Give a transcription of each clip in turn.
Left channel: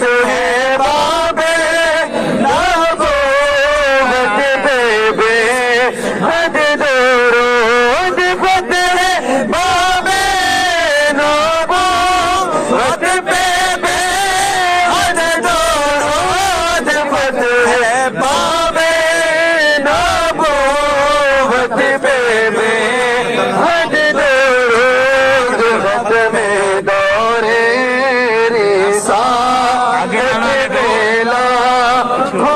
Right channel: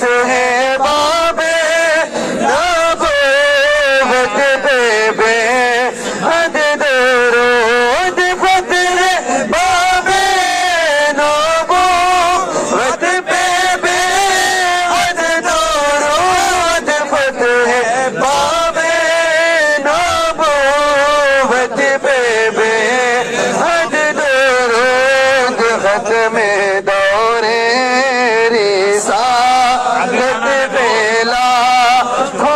فتح باب نبوت پہ بے حد درود فتح باب نبوت پہ بے حد درود فتح باب نبوت پہ بے حد درود ختم دور رسالت بیلا ہو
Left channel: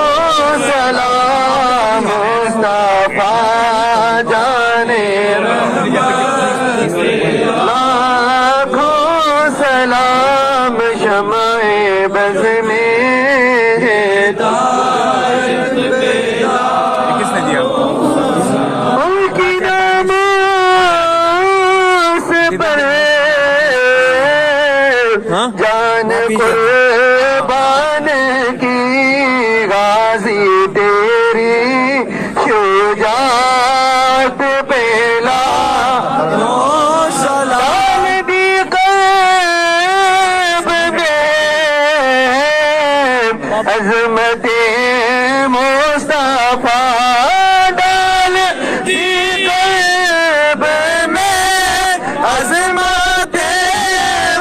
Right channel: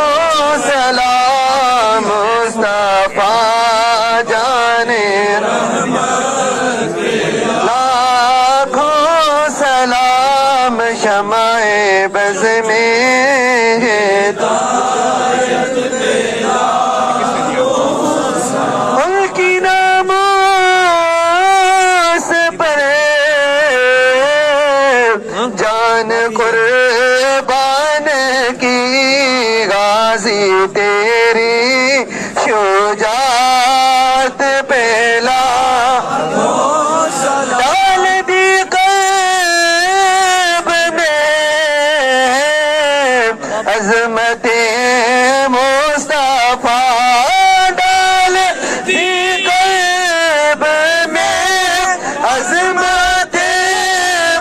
سلام مصطفیٰ جانے لاکھوں سلام شمع بز میں ان کی ناموس پر جان قربان کی غازی تیری شجاعت پہلا ڈال دی قلب میں عظمت مصطفیٰ ڈال دی قلب میں عظمت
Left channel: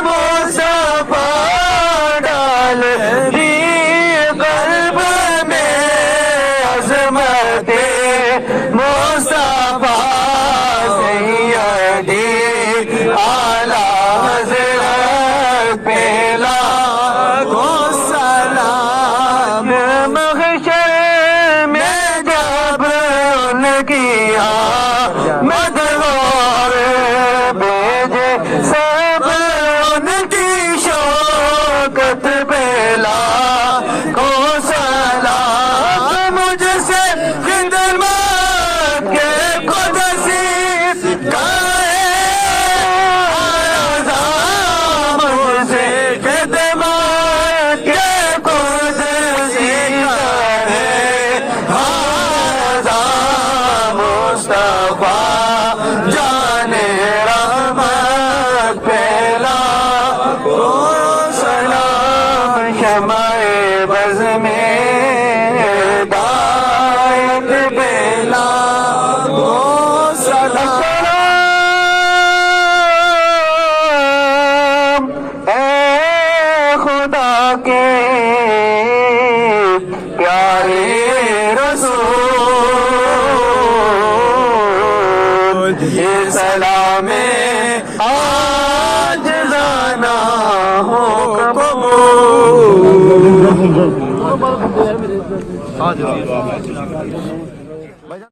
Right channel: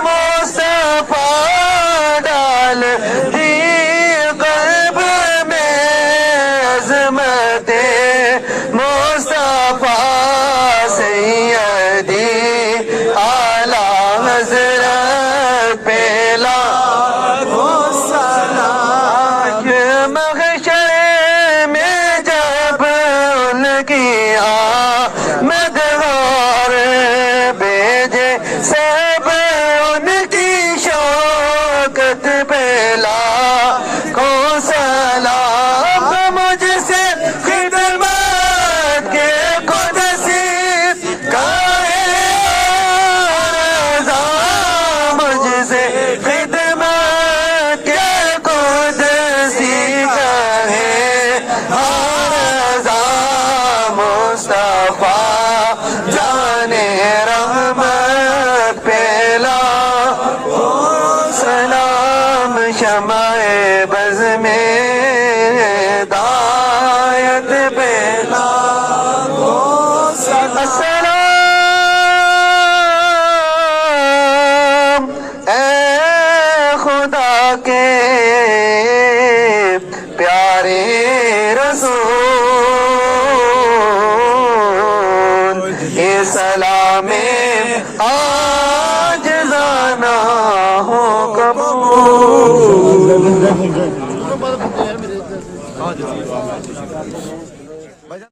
مصطفیٰ ڈال دی قلب میں عظمت مصطفیٰ سیدی اعلیٰ حضرت پہلا محشر میں جب ان کی آمد اور بھیجے سب ان کی شوکت پہلا کو سلام مجھ سے خدمت کے قدسی مجھ سے خدمت کے قدسی مصطفیٰ جانے رحمت پہلا سلام شمع بز میں ہدایت پہلا السلام اے خدا کے پیارے رسول اے سلام آج جانا ہو قبول